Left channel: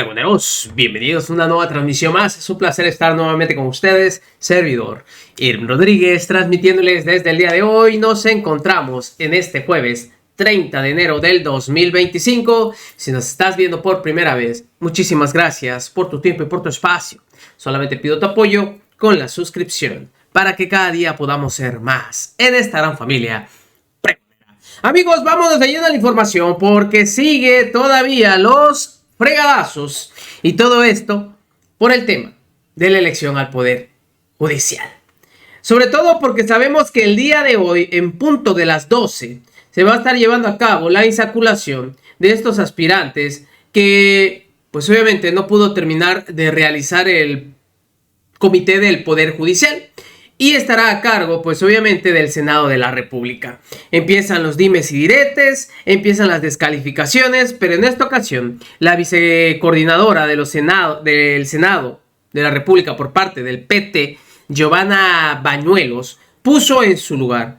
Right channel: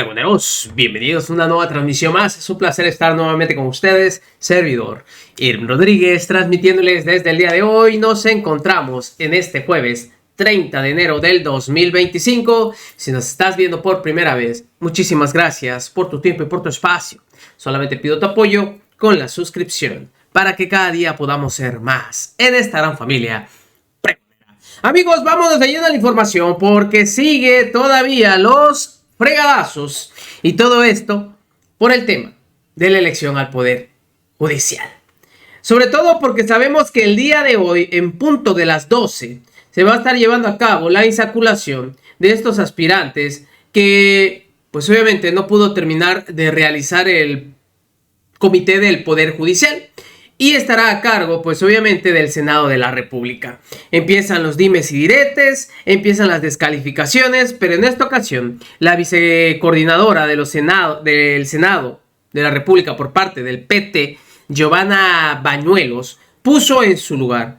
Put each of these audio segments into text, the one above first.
Pregoneros, bienvenidos a una nueva transmisión más. Es un placer estar nuevamente con ustedes, servidor Irving Rodríguez, transmitiéndoles desde el día de hoy. Nos encontramos en este jueves 30 de enero del 2025. Si nos estás viendo por primera vez, muchísimas gracias por tu tiempo y por tu espacio. Solamente pido tu apoyo con la suscripción para que cada día podamos ser más en esta gran familia. Amigos, vámonos de lleno a la información porque sigue todavía los fregadazos y todo esto por el tema de la elección al Poder Judicial. Sobre todo porque sabemos que el día de hoy, en punto de las 12, se va a estar llevando a cabo la insaculación de estos aspirantes que, pues obviamente, no pudo terminar de realizar el Comité del Poder Judicial. Y estará a cargo, pues obviamente, del Senado de la República. Empiezan los dimes y diretes, empiezan las descalificaciones, pero en esta ocasión, la vicecoordinadora del Senado de la República por parte del PT, Giovanna Bañuelos, puso en su lugar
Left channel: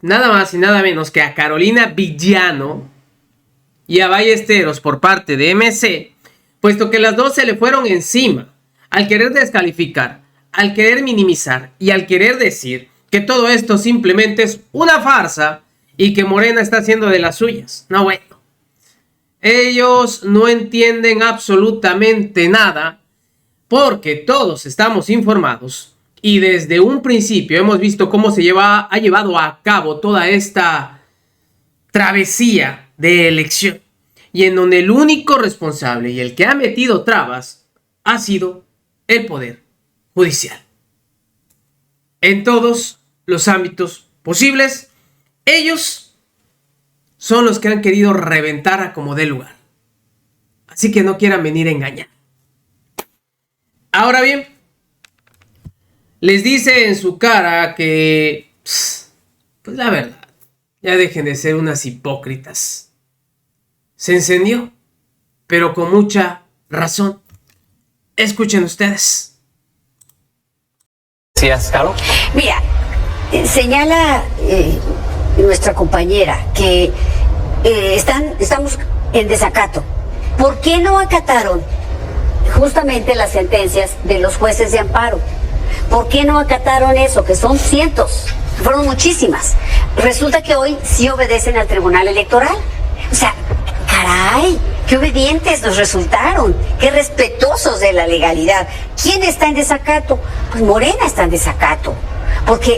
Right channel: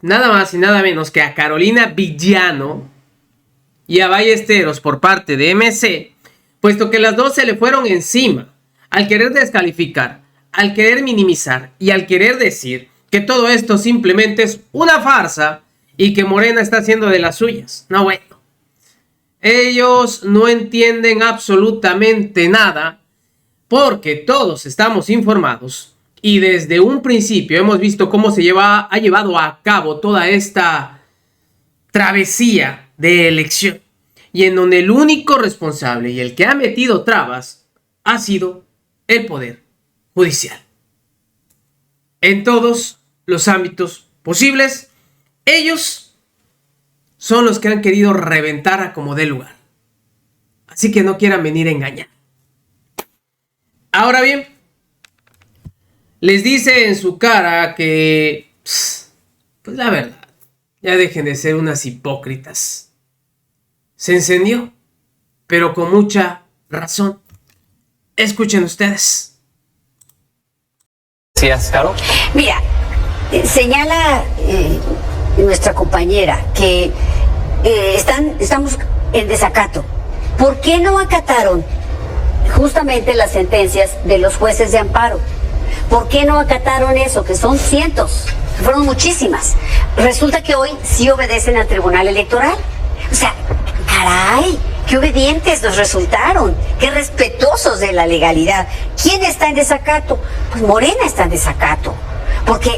nada más y nada menos que a Carolina Villano y a Ballesteros por parte de MC, puesto que las dos se le fueron encima al querer descalificar, al querer minimizar y al querer decir que todo esto simplemente es una farsa y que Morena está haciendo de las suyas. No, bueno. Ellos no entienden absolutamente nada porque todos estamos informados y desde un principio hemos visto cómo ha llevado a cabo toda esta travesía de elección y en donde el único responsable y el que ha metido trabas ha sido el Poder Judicial. En todos los ámbitos posibles, ellos son los que han querido reventar a como dé lugar. Así que no quieran venir a engañar. Ahora bien, les dice en su cara que, pues la verdad, ya dejen de ser unas hipócritas. Se encendió, pero con mucha razón. Escuchen ustedes. ¿Caro? Mira, señala nuestra compañera que estamos en desacato. ¿Por qué no acataron justamente las sentencias de los jueces de amparo? ¿Por qué no acataron eso? Que son cientos, que fueron muchísimas. Resulta que hoy sí obedecen al Tribunal Electoral. O sea, caray, qué obedientes nos resultaron, qué respetuosos de la legalidad. ¿Quién está en desacato? Pues Morena está en desacato, porque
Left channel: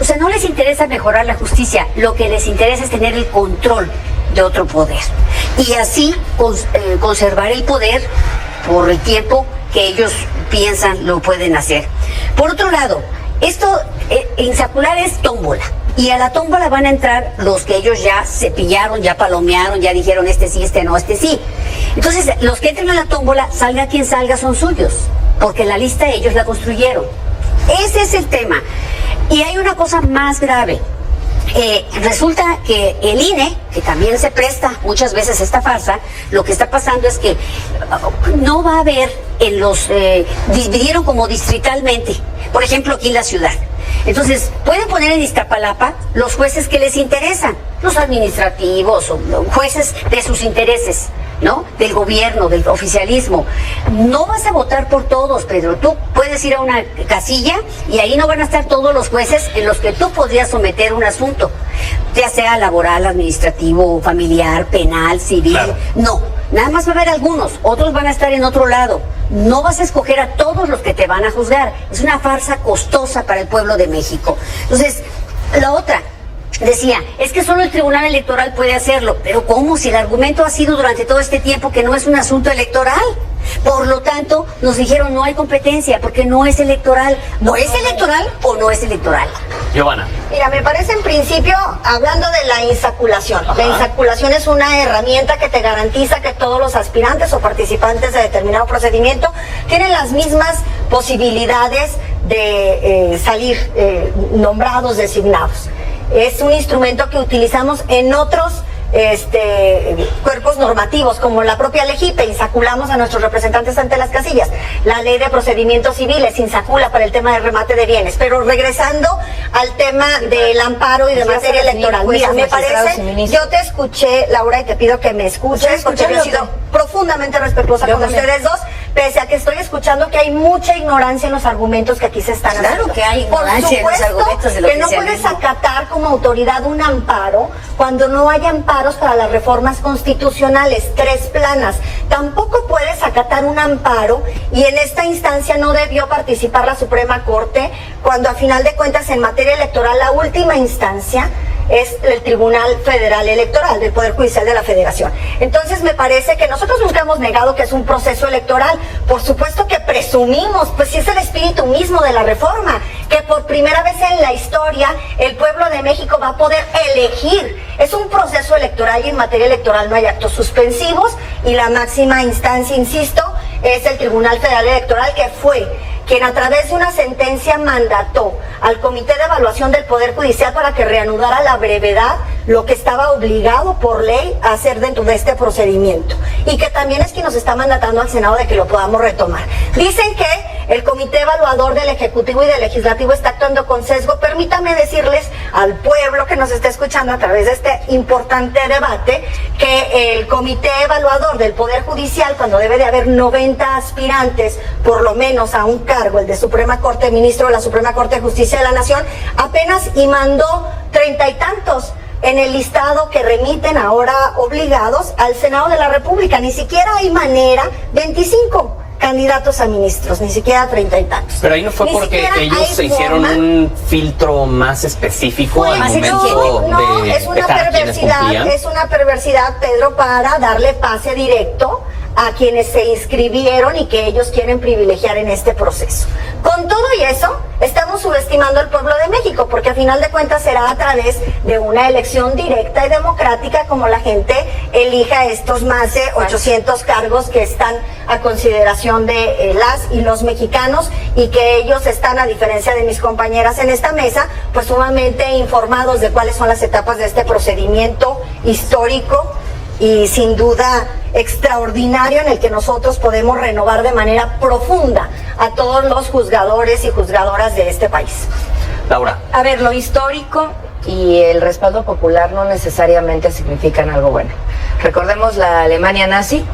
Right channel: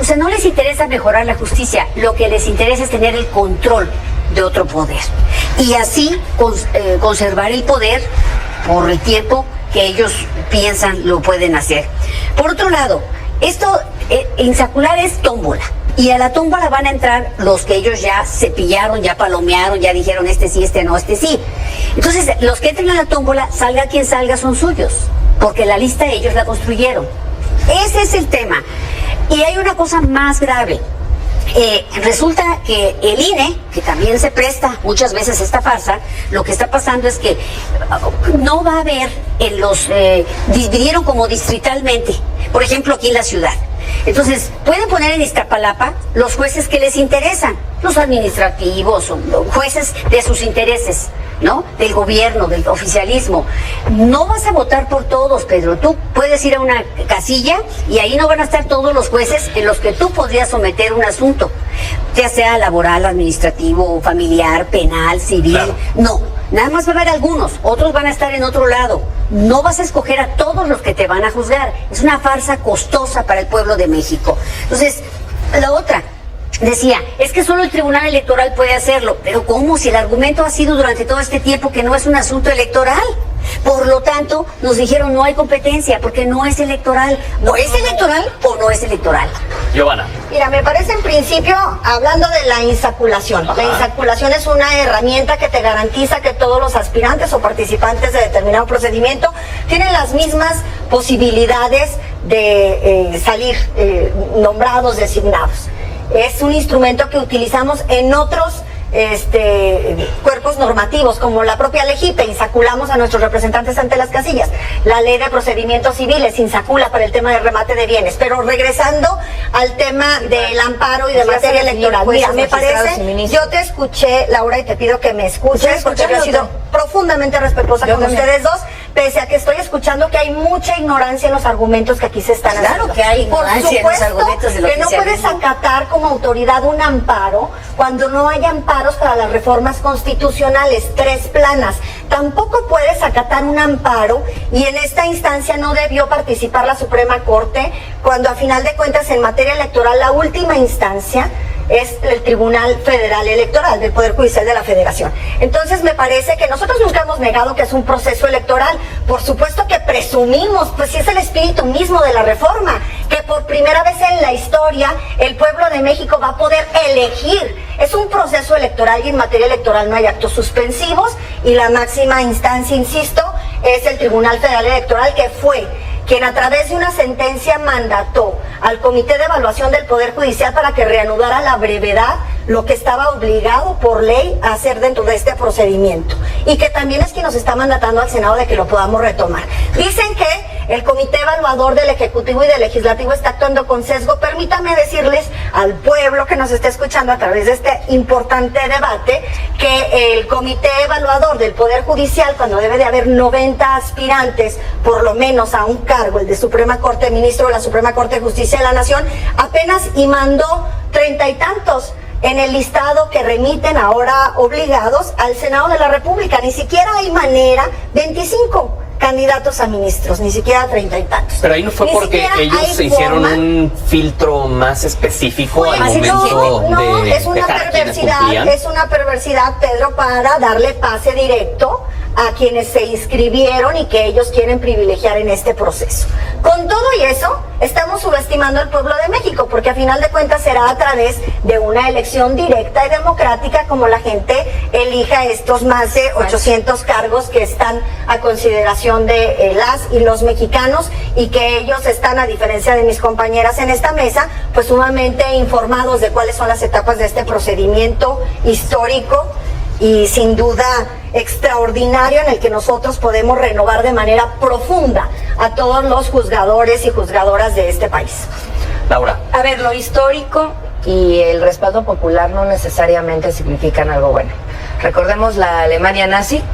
o sea, no les interesa mejorar la justicia, lo que les interesa es tener el control de otro poder y así conservar el poder por el tiempo que ellos piensan lo pueden hacer. Por otro lado, esto insacular es tómbola. Y a la tómbola van a entrar los que ellos ya cepillaron, ya palomearon, ya dijeron este sí, este no, este sí. Entonces, los que entren a la tómbola, salga quien salga, son suyos, porque la lista ellos la construyeron. Ese es el tema. Y hay una cosa más grave. Resulta que el INE, que también se presta muchas veces a esta farsa, lo que está pasando es que no va a haber dividieron como distritalmente, por ejemplo aquí en la ciudad. Entonces, pueden poner en Iztapalapa los jueces que les interesan, los administrativos, o los jueces de sus intereses, ¿no? Del gobierno, del oficialismo. No vas a votar por todos, Pedro. Tú puedes ir a una casilla y ahí no van a estar todos los jueces en los que tú podrías someter un asunto, ya sea laboral, administrativo, familiar, penal, civil. Claro. No, nada más va a haber algunos, otros van a estar en otro lado. No vas a escoger a todos los que te van a juzgar. Es una farsa costosa para el pueblo de México. Entonces, la otra, decía, es que solo el Tribunal Electoral puede hacerlo. Pero ¿cómo? Si el argumento ha sido durante todo este tiempo que no es un asunto electoral. Por lo tanto, nos dijeron no hay competencia porque no es electoral. ¿O es electoral o no es electoral? Giovanna. Mira, me parece en principio, hablando de la insaculación. La insaculación es una herramienta que te garantiza que todos los aspirantes o participantes de determinado procedimiento tienen las mismas posibilidades de salir nombrados, designados. Es un instrumento que utilizamos en otros cuerpos normativos, como la propia LEGIPE, insaculamos a nuestros representantes ante las casillas. La ley de procedimientos civiles insacula para el tema de remate de bienes. Pero regresando al tema del amparo y de materia electoral, mira, me parece, yo te escuché, Laura, y te pido que me escuches, porque no he sido profundamente respetuosa con ustedes dos, pese a que estoy escuchando que hay mucha ignorancia en los argumentos que aquí se están haciendo. Claro que hay ignorancia en los argumentos del que no puedes oficialismo. acatar como autoridad un amparo cuando no hay amparos para las reformas constitucionales, 3 planas. Tampoco puedes acatar un amparo y en esta instancia no debió participar la Suprema Corte cuando a final de cuentas en materia electoral la última instancia es el Tribunal Federal Electoral del Poder Judicial de la Federación. Entonces me parece que nosotros nunca hemos negado que es un proceso electoral. Por supuesto que presumimos, pues sí es el espíritu mismo de la reforma, que por primera vez en la historia el pueblo de México va a poder elegir. Es un proceso electoral y en materia electoral no hay actos suspensivos y la máxima instancia, insisto, es el Tribunal Federal Electoral, que fue quien a través de una sentencia mandató al Comité de Evaluación del Poder Judicial para que reanudara a la brevedad lo que estaba obligado por ley a hacer dentro de este procedimiento, y que también es quien nos está mandatando al Senado de que lo podamos retomar. Dicen que el Comité Evaluador del Ejecutivo y del Legislativo está actuando con sesgo. Permítame decirles al pueblo que nos está escuchando a través de este importante debate que el Comité Evaluador del Poder Judicial, cuando debe de haber 90 aspirantes por lo menos a un cargo, el de Suprema Corte, ministro de la Suprema Corte de Justicia de la Nación, apenas y mandó 30 y tantos en el listado que remiten ahora obligados al Senado de la República. Ni siquiera hay manera, 25 candidatos a ministros, ni siquiera 30 y tantos. Pero ahí no fue Ni porque siquiera ellos hay se hicieron forma. un filtro más específico al Pues, momento no, de es una dejar a quienes cumplían. es una perversidad, Pedro, para darle pase directo a quienes se inscribieron y que ellos quieren privilegiar en este proceso. Con todo y eso, estamos subestimando al pueblo de México, porque a final de cuentas será a través de una elección directa y democrática como la gente elija estos más de 800 cargos que están a consideración de las y los mexicanos, y que ellos están, a diferencia de mis compañeras en esta mesa, pues sumamente informados de cuáles son las etapas de este procedimiento histórico y sin duda extraordinario, en el que nosotros podemos renovar de manera profunda a todos los juzgadores y juzgadoras de este país. Laura, A ver, lo histórico y el respaldo popular no necesariamente significan algo bueno. Recordemos la Alemania nazi,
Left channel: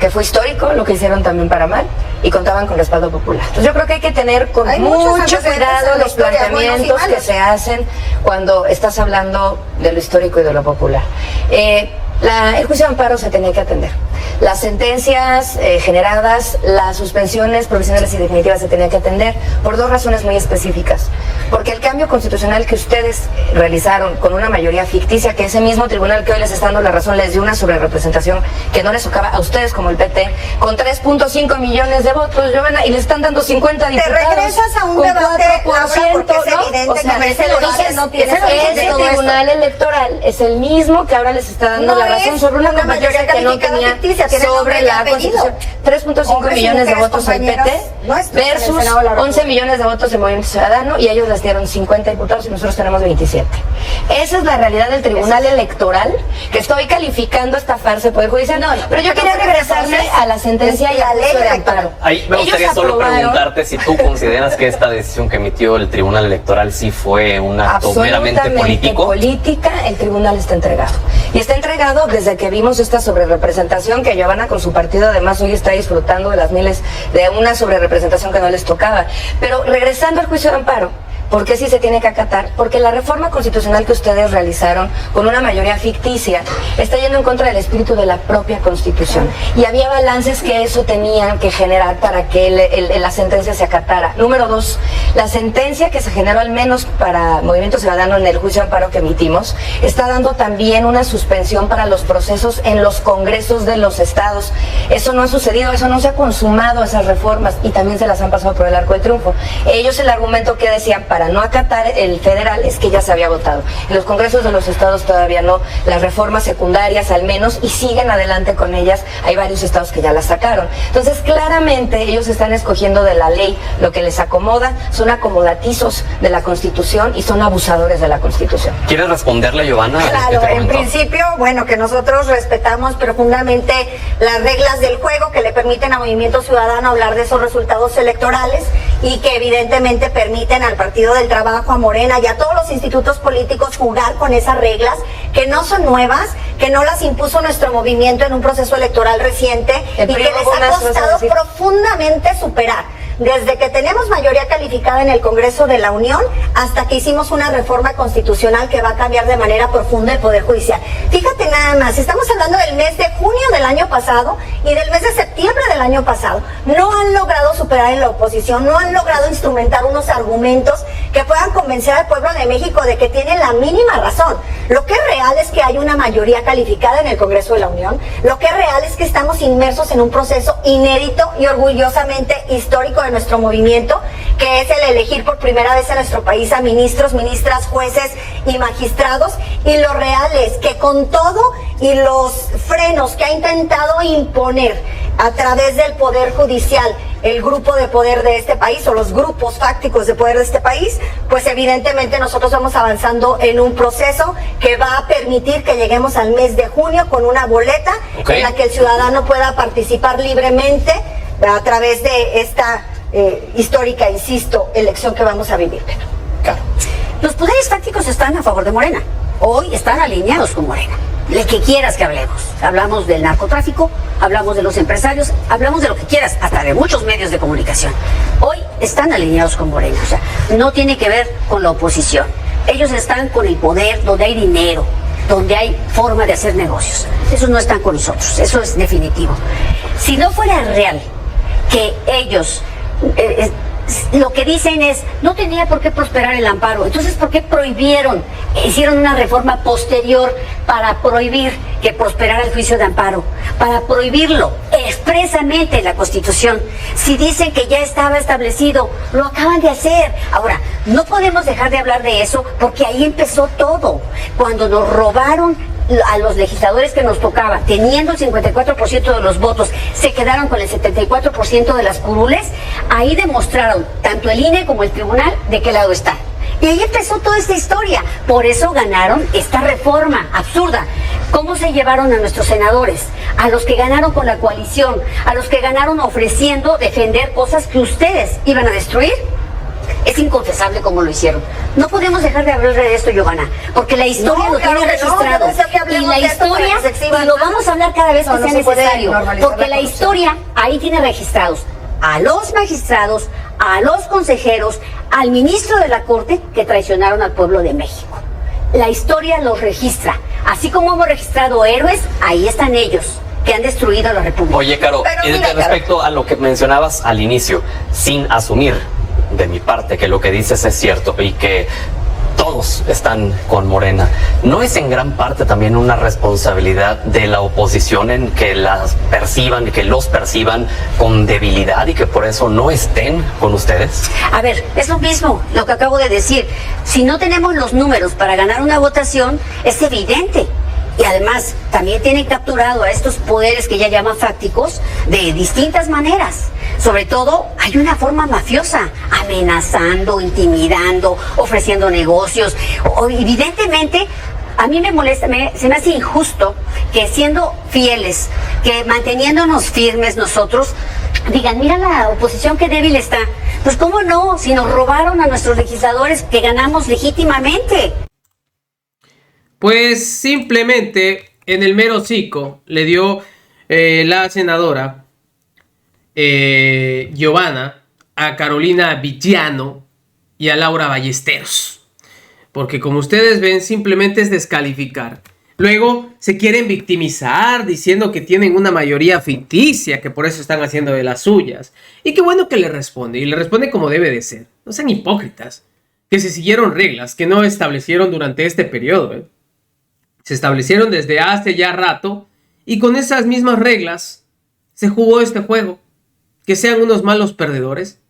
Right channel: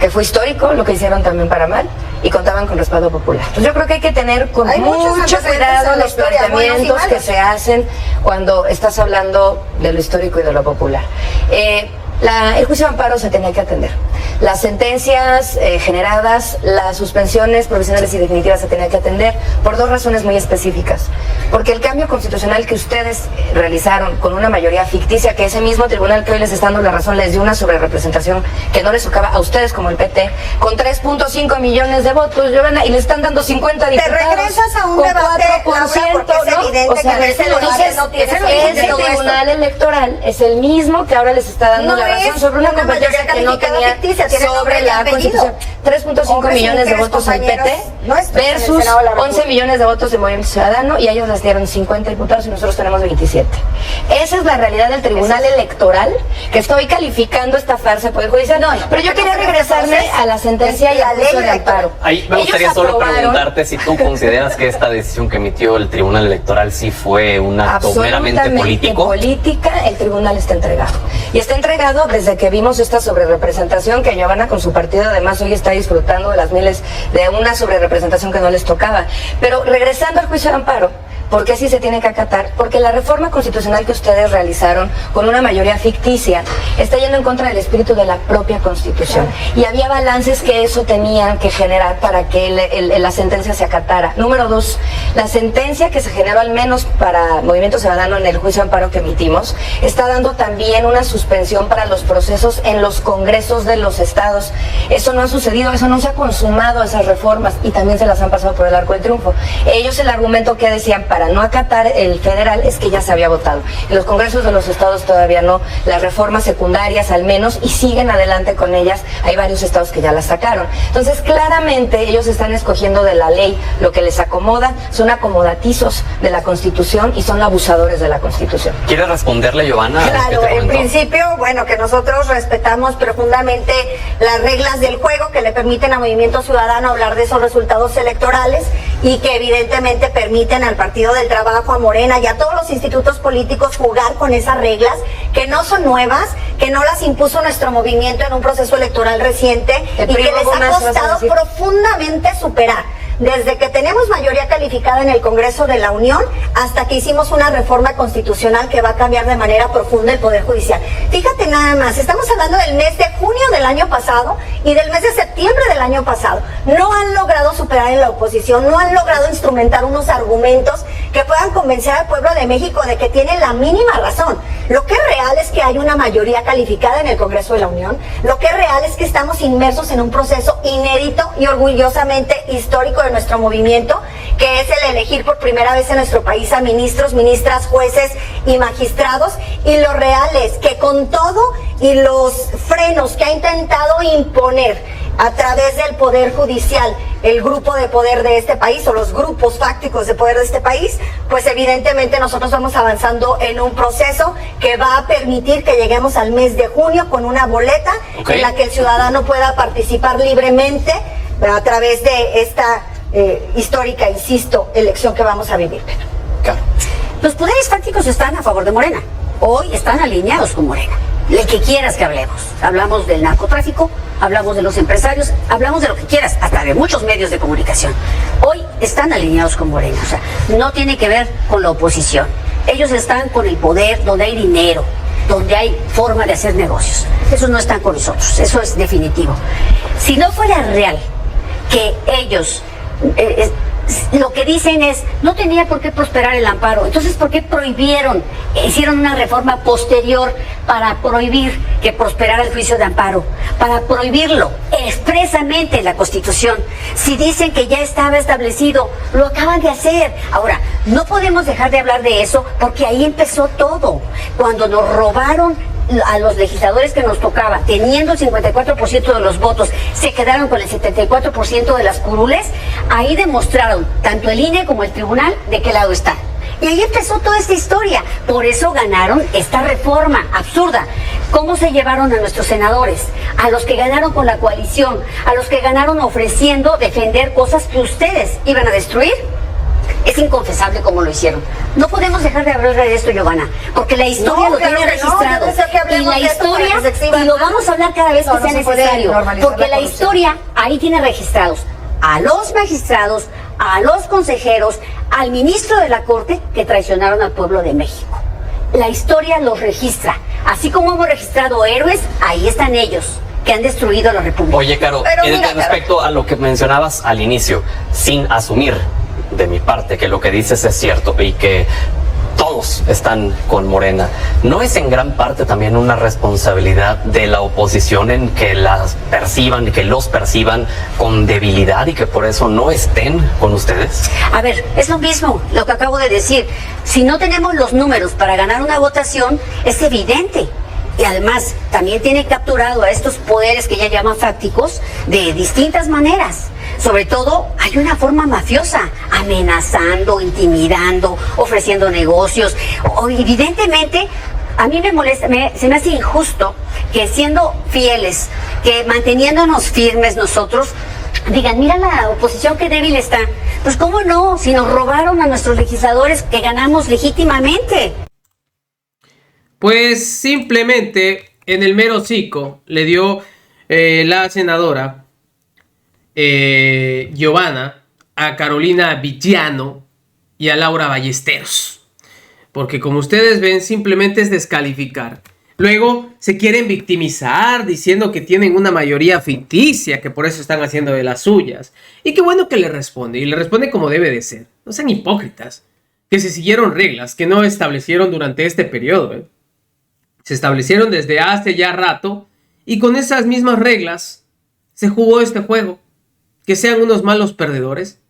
que fue histórico, lo que hicieron también para mal, y contaban con respaldo popular. Entonces, yo creo que hay que tener con Hay muchos mucho antecedentes cuidado en la los historia, buenos y planteamientos que malos. se hacen cuando estás hablando de lo histórico y de lo popular. El juicio de amparo se tenía que atender. Las sentencias generadas, las suspensiones provisionales y definitivas se tenían que atender por 2 razones muy específicas. Porque el cambio constitucional que ustedes realizaron con una mayoría ficticia, que ese mismo tribunal que hoy les está dando la razón les dio una sobrerepresentación que no les tocaba a ustedes como el PT, con 3.5 millones de votos, Giovanna, y les están dando 50 diputados. regresas a un con debate, 4%, Laura, porque es ¿no? evidente O sea, que ese el origen no tiene sentido ese de todo esto. tribunal electoral es el mismo que ahora les está dando No la razón es sobre una una competencia mayoría que no calificada tenía ficticia, tiene sobre nombre y la apellido. Constitución. 3.5 Hombres y millones de mujeres, votos al compañeras PT nuestras en el versus Senado de la 11 República. millones de votos en Movimiento Ciudadano, y ellos les dieron 50 diputados y nosotros tenemos 27. Esa es la realidad del Tribunal Electoral, que estoy calificando esta farsa del Poder Judicial. Pero yo quería regresarme a la sentencia y al juicio de amparo. ahí me Ellos gustaría solo aprobaron preguntarte si tú consideras que esta decisión que emitió el Tribunal Electoral sí fue un acto meramente político. política. El tribunal está entregado. Y está entregado desde que vimos esta sobrerepresentación que Giovanna con su partido además hoy está disfrutando de las miles de una sobrerepresentación que no les tocaba. Pero regresando al juicio de amparo, ¿por qué sí se tiene que acatar? Porque la reforma constitucional que ustedes realizaron con una mayoría ficticia está yendo en contra del espíritu de la propia Constitución. Y había balances que eso tenía que generar para que la sentencia se acatara. Número 2, la sentencia que se generó al menos para Movimiento Ciudadano en el juicio de amparo que emitimos está dando también una suspensión para los procesos en los congresos de los estados. Eso no ha sucedido, eso no se ha consumado, esas reformas, y también se las han pasado por el arco del triunfo. Ellos, el argumento que decían para no acatar el federal es que ya se había votado. En los congresos de los estados todavía no, las reformas secundarias al menos, y siguen adelante con ellas. Hay varios estados que ya las sacaron. Entonces, claramente ellos están escogiendo de la ley lo que les acomoda, son acomodatizos de la Constitución y son abusadores de la Constitución. ¿Quieres responderle, Giovanna? a este Claro, en argumento? principio, bueno, que nosotros respetamos profundamente las reglas del juego que le permiten a Movimiento Ciudadano hablar de esos resultados electorales, y que evidentemente permiten al Partido del Trabajo, a Morena y a todos los institutos políticos jugar con esas reglas que no son nuevas, que no las impuso nuestro movimiento en un proceso electoral reciente y que les ha costado profundamente superar. Desde que tenemos mayoría calificada en el Congreso de la Unión hasta que hicimos una reforma constitucional que va a cambiar de manera profunda el Poder Judicial. Fíjate nada más, estamos hablando del mes de junio del año pasado y del mes de septiembre del año pasado. No han logrado superar en la oposición, no han logrado instrumentar unos argumentos que puedan convencer al pueblo de México de que tienen la mínima razón. Lo que es real es que hay una mayoría calificada en el Congreso de la Unión. Lo que es real es que estamos inmersos en un proceso inédito y orgullosamente histórico de nuestro movimiento, que es el elegir por primera vez en nuestro país a ministros, ministras, jueces y magistrados. Y lo real es que con todo y los frenos que ha intentado imponer a través del Poder Judicial el grupo de poder de este país o los grupos fácticos de poder de este país, pues evidentemente nosotros vamos avanzando en un proceso que va a permitir que lleguemos al mes de junio con una boleta en la que el ciudadano pueda participar libremente a través de esta histórica, insisto, elección que vamos a vivir. Claro. Los poderes fácticos están a favor de Morena. Hoy están alineados con Morena. De que quieras que hablemos. Hablamos del narcotráfico, hablamos de los empresarios, hablamos de lo que quieras, hasta de muchos medios de comunicación. Hoy están alineados con Morena. O sea, no tiene que ver con la oposición. Ellos están con el poder, donde hay dinero, donde hay forma de hacer negocios. Esos no están con nosotros, eso es definitivo. Si no fuera real que ellos lo que dicen es, no tenía por qué prosperar el amparo, entonces ¿por qué prohibieron? Hicieron una reforma posterior para prohibir que prosperara el juicio de amparo, para prohibirlo expresamente en la Constitución. Si dicen que ya estaba establecido, lo acaban de hacer. Ahora, no podemos dejar de hablar de eso porque ahí empezó todo. Cuando nos robaron a los legisladores que nos tocaba, teniendo el 54% de los votos, se quedaron con el 74% de las curules, ahí demostraron, tanto el INE como el tribunal, de qué lado están. Y ahí empezó toda esta historia. Por eso ganaron esta reforma absurda. ¿Cómo se llevaron a nuestros senadores? A los que ganaron con la coalición, a los que ganaron ofreciendo defender cosas que ustedes iban a destruir. Es inconfesable cómo lo hicieron. No podemos dejar de hablar de esto, Giovanna, porque la historia lo tiene registrado. Y la historia, y lo vamos a hablar cada vez que sea necesario, porque la historia ahí tiene registrados a los magistrados, a los consejeros, al ministro de la Corte que traicionaron al pueblo de México. La historia los registra. Así como hemos registrado héroes, ahí están ellos, que han destruido la República. Oye, Caro, respecto a lo que mencionabas al inicio, sin asumir de mi parte que lo que dices es cierto y que todos están con Morena, ¿no es en gran parte también una responsabilidad de la oposición en que que los perciban con debilidad y que por eso no estén con ustedes? A ver, es lo mismo lo que acabo de decir. Si no tenemos los números para ganar una votación, es evidente. Y además, también tienen capturado a estos poderes que ya llaman fácticos de distintas maneras. Sobre todo, hay una forma mafiosa, amenazando, intimidando, ofreciendo negocios. Evidentemente, a mí me molesta, se me hace injusto que siendo fieles, que manteniéndonos firmes nosotros, digan, mira la oposición qué débil está. Pues cómo no, si nos robaron a nuestros legisladores que ganamos legítimamente. Pues simplemente en el mero hocico le dio la senadora Giovanna a Carolina Villano y a Laura Ballesteros. Porque como ustedes ven, simplemente es descalificar. Luego se quieren victimizar diciendo que tienen una mayoría ficticia, que por eso están haciendo de las suyas. Y qué bueno que le responde, y le responde como debe de ser. No sean hipócritas, que se siguieron reglas que no establecieron durante este periodo. Se establecieron desde hace ya rato y con esas mismas reglas se jugó este juego. Que sean unos malos perdedores,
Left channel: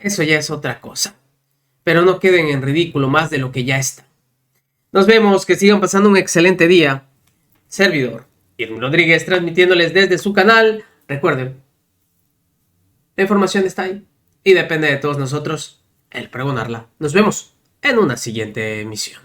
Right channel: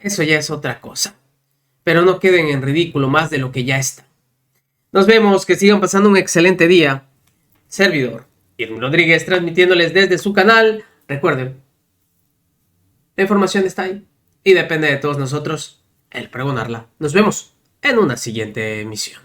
eso ya es otra cosa. Pero no queden en ridículo más de lo que ya está. Nos vemos, que sigan pasando un excelente día. Servidor Irving Rodríguez transmitiéndoles desde su canal. Recuerden, la información está ahí y depende de todos nosotros el pregonarla. Nos vemos en una siguiente emisión.